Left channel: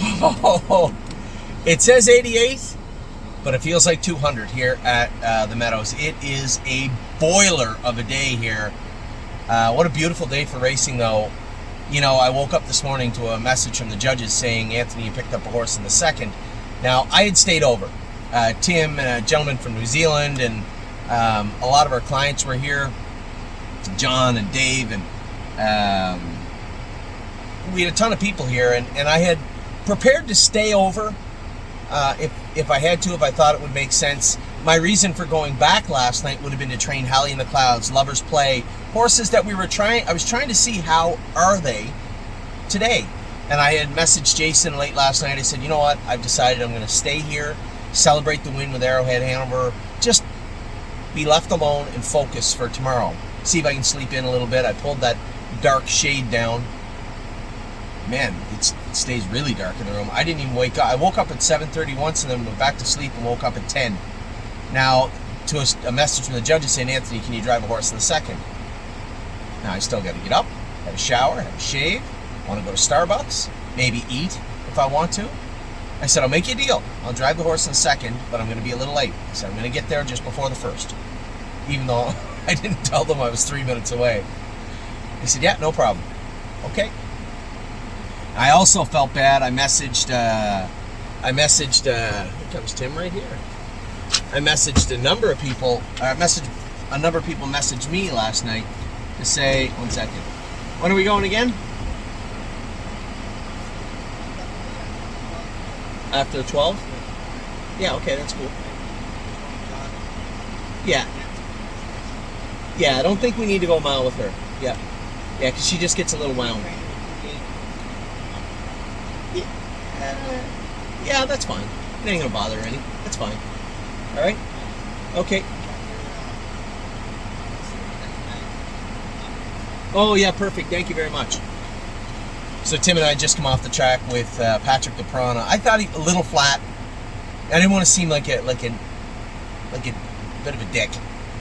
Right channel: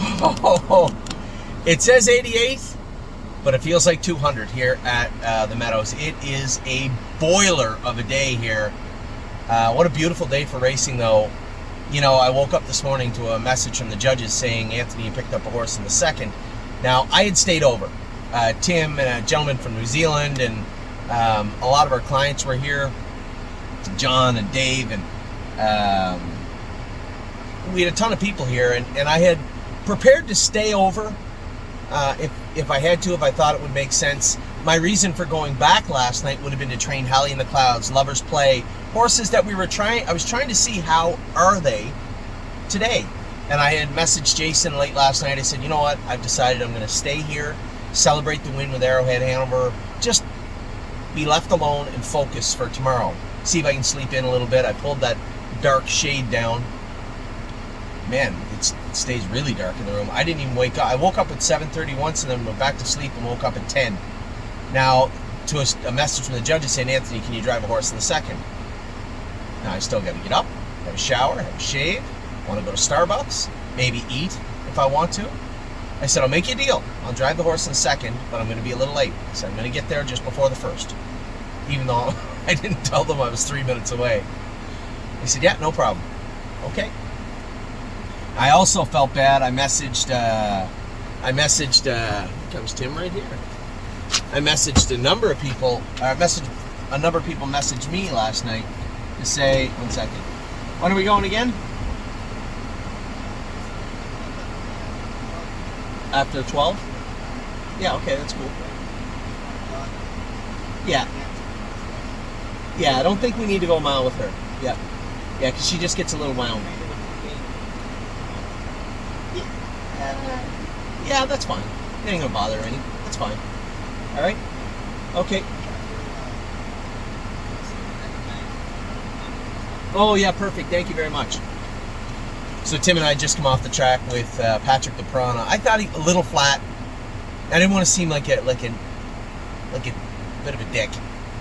Oh, it says 88, but it feels like 200 here at the Meadows. It is a boiler of a day here. What a beautiful day for racing, though. You know, I woke up this morning to a message from the judges saying, Anthony, you picked up a horse in the second. Now, I had stayed over. Tim and a gentleman from New Zealand and a lot of our clients were here. John and Dave, and we had a ton of people here, and I had prepared to stay over if I had to, if I thought it would make sense. My reason for going back last night would have been to train Halley in the Clouds, Lover's Play, horses that I was trying to see how are they today. And I had messaged Jason late last night. I said, you know what, I've decided I'm going to stay here, celebrate the win with Arrowhead Hanover, just be left alone and focus for tomorrow. See if I can sleep in a little bit. I pulled that dark shade down. Man, it stays really dark in the room. I didn't even wake up. I woke up at 7:30 once and then went back to sleep and woke up at 10. Now, to a message from the judges saying, Anthony, can you drive a horse in the second? Now, I still got to get up, have a shower, have a shave, want to go to Starbucks, maybe eat if I want to. I said, I'll make you a deal. I'll drive the horse in the second, but I'm going to be a little late. I said, I'm going to get there just before the first, even though I didn't tell them I was 3 minutes away. They said, yeah, no problem. Okay. I also felt bad. I messaged, I think that was Tim right here. I messaged a number of people. A number of people messaged me last night to say, 1 second. When are we going again? After 12? Yeah, okay, that's cool. Yeah. Yeah, I don't think we need to go a mile with her. Yeah. Yeah, because she just gets a little wound. Yeah, that's fine. It ain't gonna bother her any. That's fine. All right? Okay. Oh, yeah, perfect. Thank you very much. So Tim and I just come off the track with Patrick the Piranha. I thought he a little flat. I didn't want to seem like a bit of a dick.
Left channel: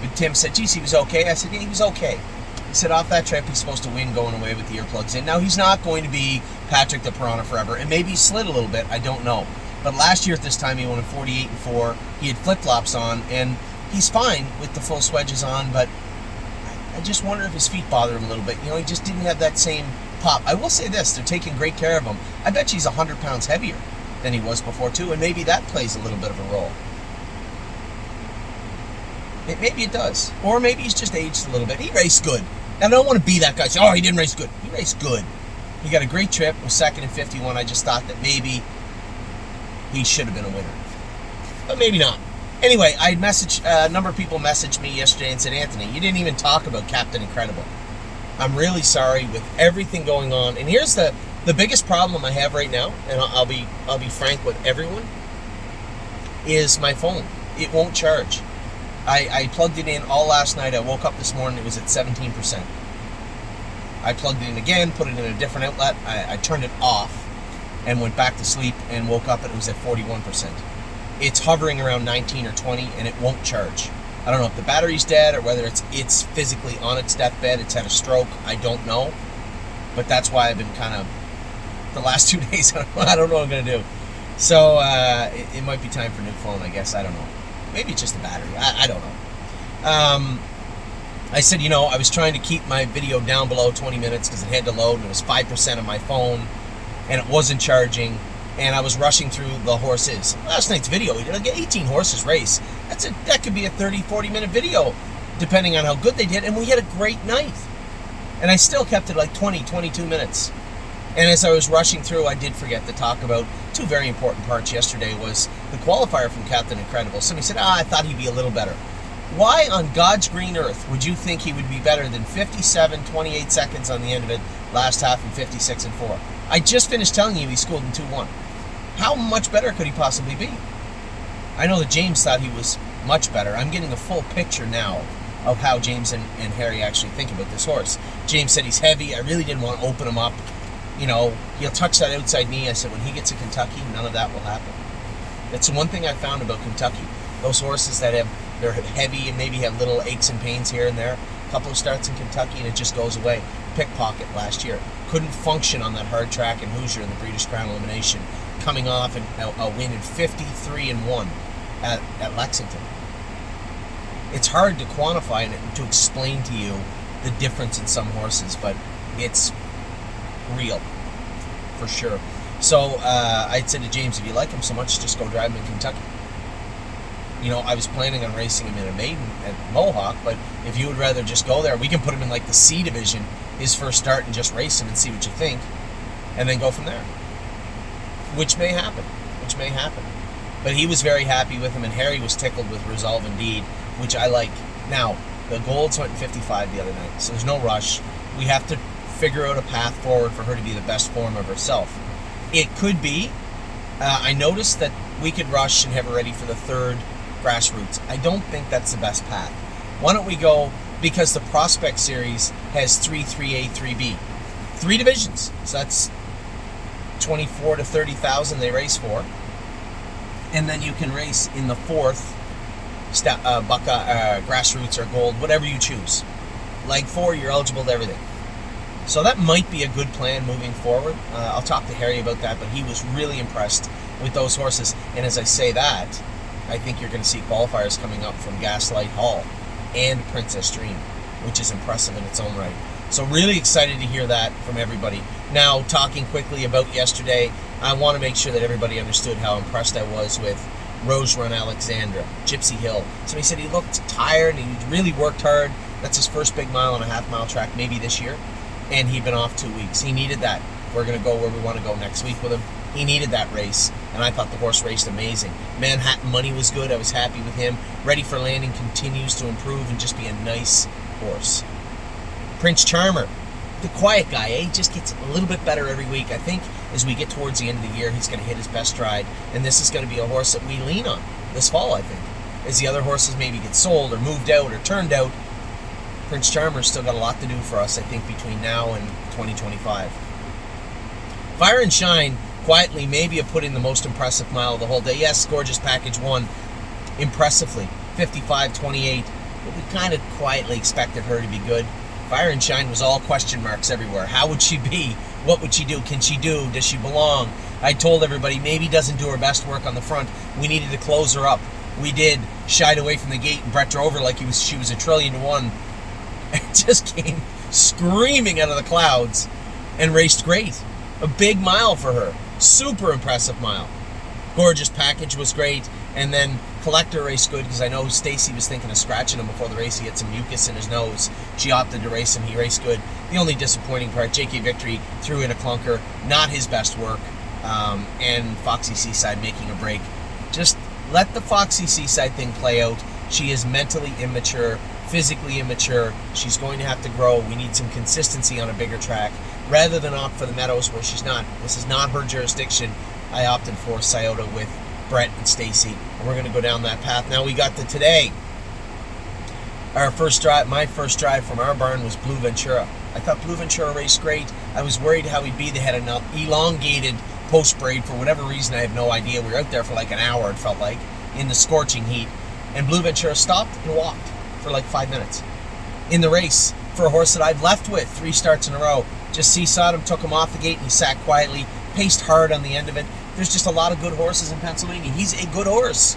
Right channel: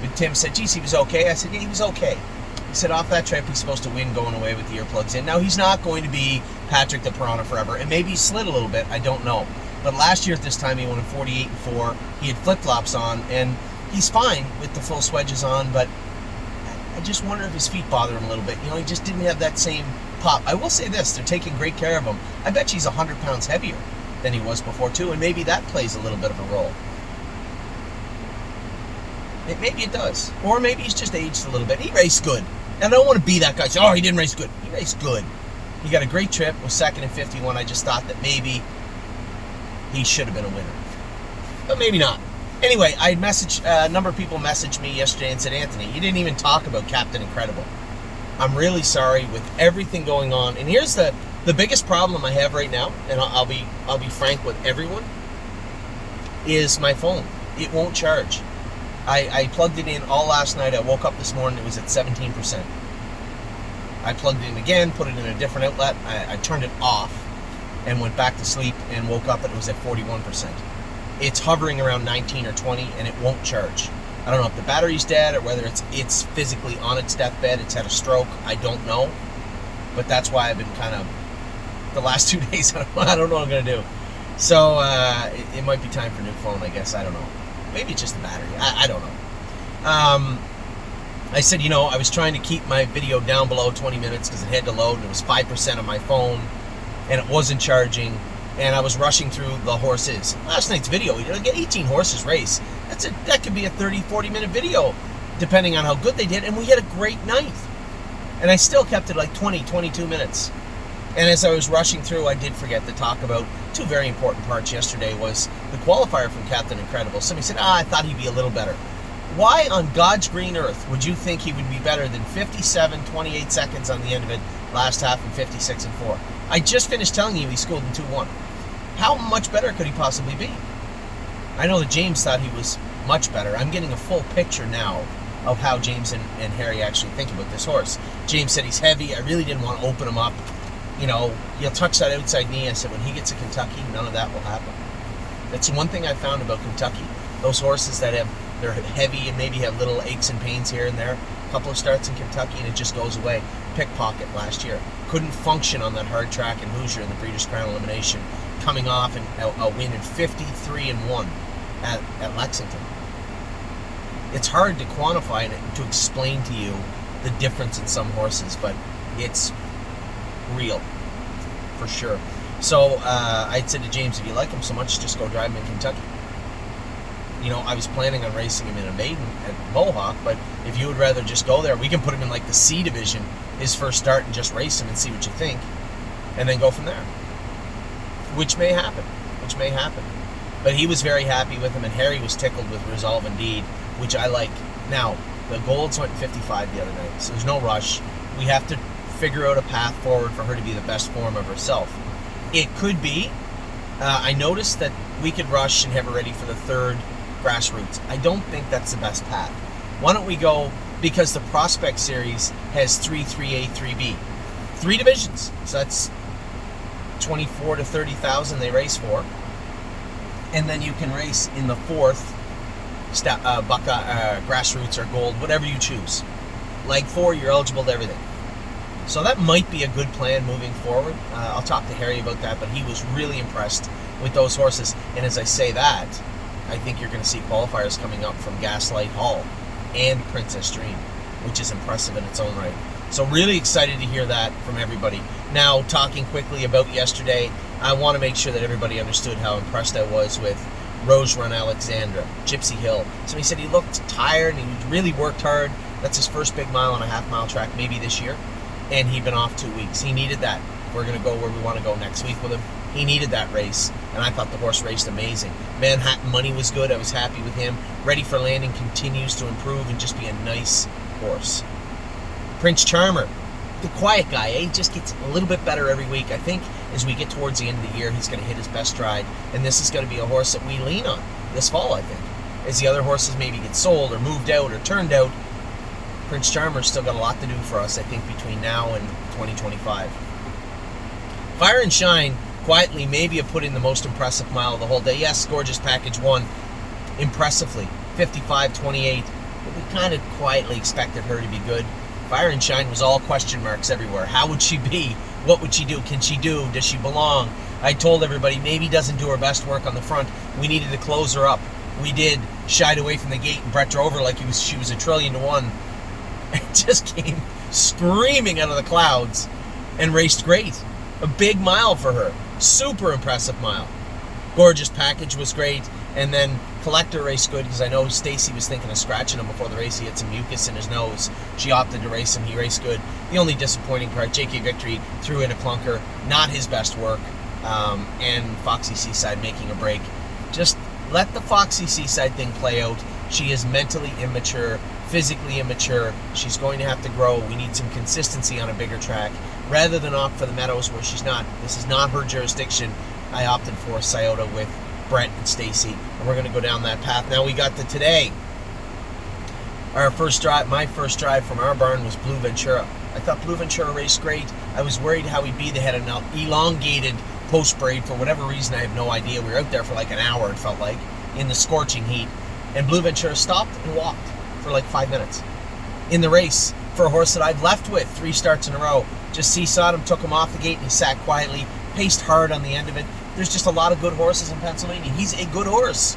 But Tim said, geez, he was okay. I said, yeah, he was okay. He said, off that trip, he's supposed to win going away with the earplugs in. Now, he's not going to be Patrick the Piranha forever, and maybe he slid a little bit. I don't know. But last year at this time, he won in 48-4. He had flip-flops on, and he's fine with the full swedges on, but I just wonder if his feet bother him a little bit. You know, he just didn't have that same pop. I will say this, they're taking great care of him. I bet he's 100 pounds heavier than he was before, too, and maybe that plays a little bit of a role. Maybe it does. Or maybe he's just aged a little bit. He raced good. And I don't want to be that guy. Say, oh, he didn't race good. He raced good. He got a great trip. Was second in 51. I just thought that maybe he should have been a winner. But maybe not. Anyway, I messaged, a number of people messaged me yesterday and said, Anthony, you didn't even talk about Captain Incredible. I'm really sorry with everything going on. And here's the biggest problem I have right now, and I'll be frank with everyone, is my phone. It won't charge. I plugged it in all last night. I woke up this morning, it was at 17%. I plugged it in again, put it in a different outlet. I turned it off and went back to sleep and woke up and it was at 41%. It's hovering around 19 or 20 and it won't charge. I don't know if the battery's dead or whether it's physically on its deathbed, it's had a stroke, I don't know. But that's why I've been kind of, the last 2 days, I don't know what I'm going to do. So it might be time for a new phone, I guess, I don't know. Maybe it's just the battery. I don't know. I said, you know, I was trying to keep my video down below 20 minutes because it had to load and it was 5% of my phone and it wasn't charging and I was rushing through the horses. Last night's video, we did 18 horses race. That could be a 30, 40-minute video depending on how good they did, and we had a great night. And I still kept it like 20, 22 minutes. And as I was rushing through, I did forget to talk about two very important parts yesterday was the qualifier from Captain Incredible. Somebody said, I thought he'd be a little better. Why on God's green earth would you think he would be better than 57, 28 seconds on the end of it last half and 56 and 4? I just finished telling you he schooled in 2-1. How much better could he possibly be? I know that James thought he was much better. I'm getting a full picture now of how James and Harry actually think about this horse. James said he's heavy. I really didn't want to open him up. You know, he'll touch that outside knee. I said, when he gets to Kentucky, none of that will happen. That's the one thing I found about Kentucky. Those horses that they're heavy and maybe have little aches and pains here and there, A couple of starts in Kentucky, and it just goes away. Pickpocket last year. Couldn't function on that hard track in Hoosier in the Breeders' Crown Elimination, coming off a win in 53-1 at Lexington. It's hard to quantify and to explain to you the difference in some horses, but it's real, for sure. So I said to James, if you like him so much, just go drive him in Kentucky. You know, I was planning on racing him in a maiden at Mohawk, but if you would rather just go there, we can put him in like the C division, his first start, and just race him and see what you think, and then go from there. Which may happen. But he was very happy with him, and Harry was tickled with Resolve Indeed, which I like. Now, the Golds went 55 the other night, so there's no rush. We have to figure out a path forward for her to be the best form of herself. It could be, I noticed that we could rush and have her ready for the third grassroots. I don't think that's the best path. Why don't we go, because the Prospect Series has 3A, 3B. 3 divisions. So that's 24 to 30,000 they race for. And then you can race in the fourth grassroots or gold, whatever you choose. Leg 4, you're eligible to everything. So that might be a good plan moving forward. I'll talk to Harry about that, but he was really impressed with those horses. And as I say that, I think you're going to see qualifiers coming up from Gaslight Hall and Princess Dream, which is impressive in its own right. So really excited to hear that from everybody. Now, talking quickly about yesterday, I want to make sure that everybody understood how impressed I was with Rose Run Alexandra, Gypsy Hill. So he said he looked tired and he really worked hard. That's his first big mile on a half-mile track maybe this year. And he'd been off 2 weeks. He needed that. We're going to go where we want to go next week with him. He needed that race, and I thought the horse raced amazing. Manhattan Money was good. I was happy with him. Ready for Landing continues to improve and just be a nice horse. Prince Charmer, the quiet guy, He just gets a little bit better every week. I think as we get towards the end of the year, he's going to hit his best stride, and this is going to be a horse that we lean on this fall, I think. As the other horses maybe get sold or moved out or turned out, Prince Charmer's still got a lot to do for us, I think, between now and 2025. Fire and Shine quietly maybe have put in the most impressive mile of the whole day. Yes, Gorgeous Package won impressively, 55-28, but we kind of quietly expected her to be good. Fire and Shine was all question marks everywhere. How would she be? What would she do? Can she do? Does she belong? I told everybody maybe doesn't do her best work on the front. We needed to close her up. We did. Shied away from the gate, and Brett drove her like she was 1,000,000,000,000 to 1. And just came screaming out of the clouds and raced great. A big mile for her. Super impressive mile. Gorgeous Package was great. And then Collector raced good because I know Stacy was thinking of scratching him before the race. He had some mucus in his nose. She opted to race him. He raced good. The only disappointing part, JK Victory threw in a clunker. Not his best work. And Foxy Seaside making a break. Just let the Foxy Seaside thing play out. She is mentally immature, physically immature. She's going to have to grow. We need some consistency on a bigger track. Rather than opt for the Meadows where she's not, this is not her jurisdiction, I opted for Scioto with Brett and Stacy. And we're going to go down that path. Now we got to today. Our first drive, my first drive from our barn was Blue Ventura. I thought Blue Ventura raced great. I was worried how he'd be. They had an elongated post braid for whatever reason. I have no idea. We were out there for like an hour, it felt like, in the scorching heat. And Blue Ventura stopped and walked for like 5 minutes in the race for a horse that I've left with 3 starts in a row. Just seesawed him, took him off the gate, and he sat quietly, paced hard on the end of it. There's just a lot of good horses in Pennsylvania. He's a good horse,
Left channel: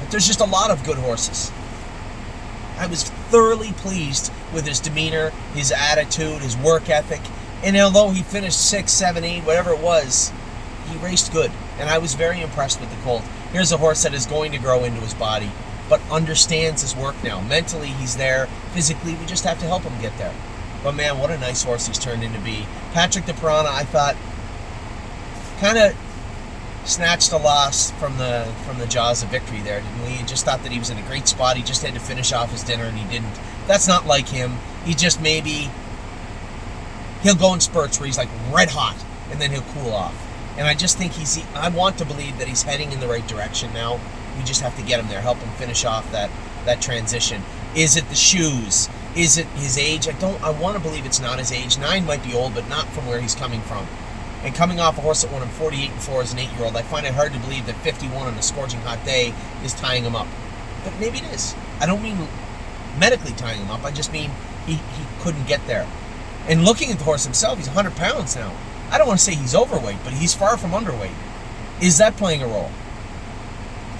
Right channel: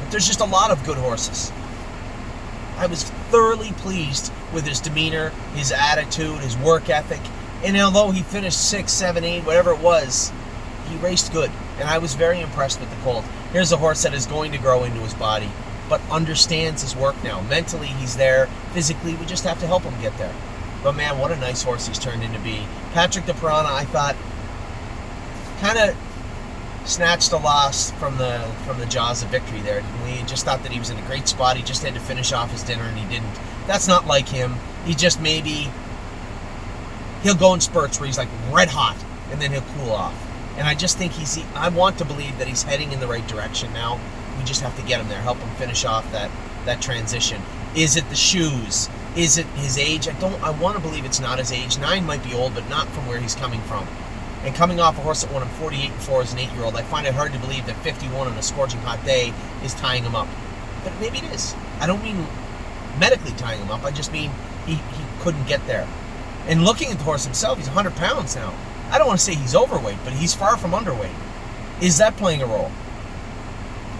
but there's just a lot of good horses. I was thoroughly pleased with his demeanor, his attitude, his work ethic, and although he finished 6, 7, 8, whatever it was, he raced good, and I was very impressed with the colt. Here's a horse that is going to grow into his body, but understands his work now. Mentally, he's there. Physically, we just have to help him get there. But man, what a nice horse he's turned into be. Patrick the Piranha, I thought, kind of snatched a loss from the jaws of victory there. We just thought that he was in a great spot. He just had to finish off his dinner, and he didn't. That's not like him. He just maybe, he'll go in spurts where he's like red hot, and then he'll cool off. And I just think I want to believe that he's heading in the right direction now. We just have to get him there, help him finish off that transition. Is it the shoes? Is it his age? I want to believe it's not his age. 9 might be old, but not from where he's coming from. And coming off a horse that won him 48-4 as an 8-year-old, I find it hard to believe that 51 on a scorching hot day is tying him up. But maybe it is. I don't mean medically tying him up. I just mean he couldn't get there. And looking at the horse himself, he's 100 pounds now. I don't want to say he's overweight, but he's far from underweight. Is that playing a role?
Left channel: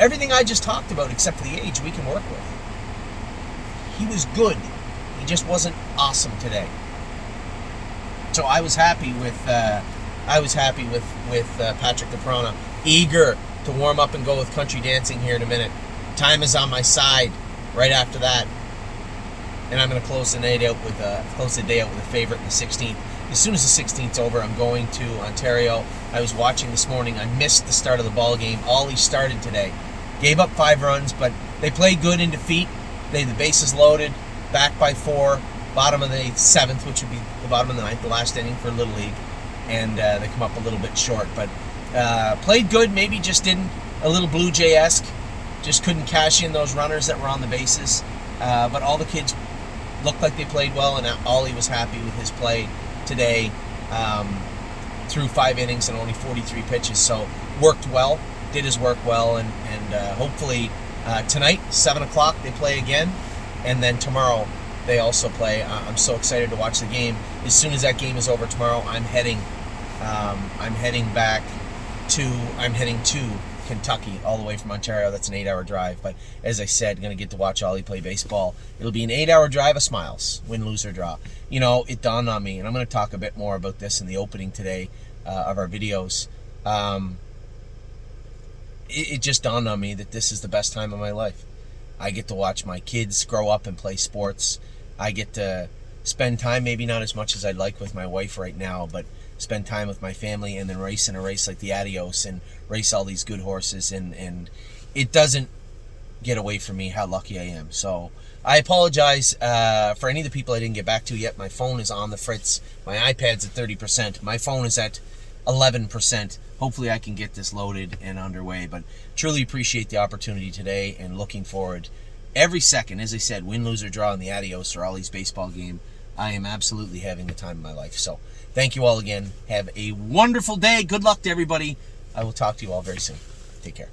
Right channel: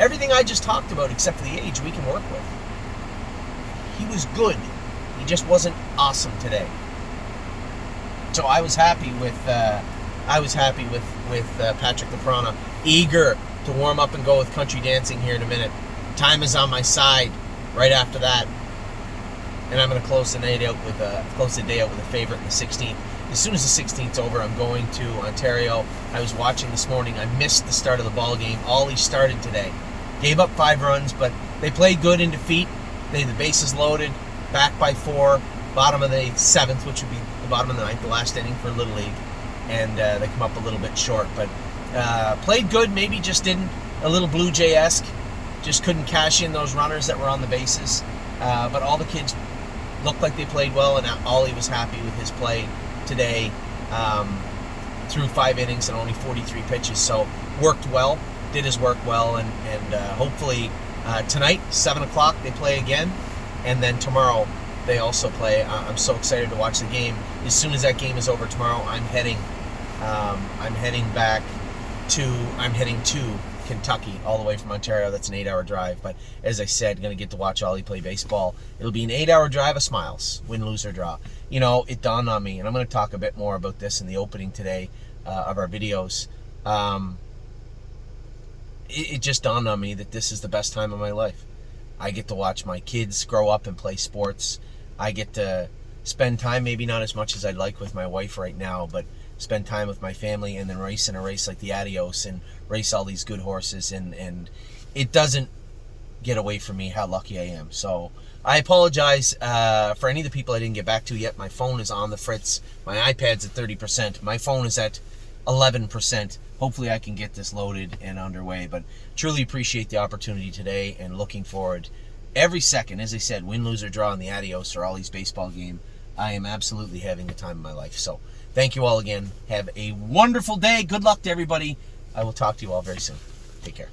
Everything I just talked about, except for the age, we can work with. He was good. He just wasn't awesome today. So I was happy with Patrick Laprana, eager to warm up and go with country dancing here in a minute. Time is on my side. Right after that, and I'm going to close the day out with a favorite in the 16th. As soon as the 16th's over, I'm going to Ontario. I was watching this morning. I missed the start of the ball game. Ollie started today. Gave up 5 runs, but they played good in defeat. They had the bases loaded, back by 4, bottom of the 7th, which would be the bottom of the 9th, the last inning for Little League. And they come up a little bit short, but played good, maybe just didn't, a little Blue Jay-esque. Just couldn't cash in those runners that were on the bases. But all the kids looked like they played well, and Ollie was happy with his play today through 5 innings and only 43 pitches. So worked well, did his work well, and hopefully tonight, 7 o'clock, they play again. And then tomorrow they also play. I'm so excited to watch the game. As soon as that game is over tomorrow, I'm heading to Kentucky, all the way from Ontario. That's an 8-hour drive. But as I said, going to get to watch Ollie play baseball. It'll be an 8-hour drive of smiles, win, lose, or draw. You know, it dawned on me, and I'm going to talk a bit more about this in the opening today of our videos. It just dawned on me that this is the best time of my life. I get to watch my kids grow up and play sports. I get to spend time, maybe not as much as I'd like with my wife right now, but spend time with my family and then race in a race like the Adios and race all these good horses. And it doesn't get away from me how lucky I am. So I apologize for any of the people I didn't get back to yet. My phone is on the fritz. My iPad's at 30%. My phone is at 11%. Hopefully I can get this loaded and underway. But truly appreciate the opportunity today and looking forward every second. As I said, win, lose, or draw in the Adios or Ollie's baseball game. I am absolutely having the time of my life. So thank you all again. Have a wonderful day. Good luck to everybody. I will talk to you all very soon. Take care.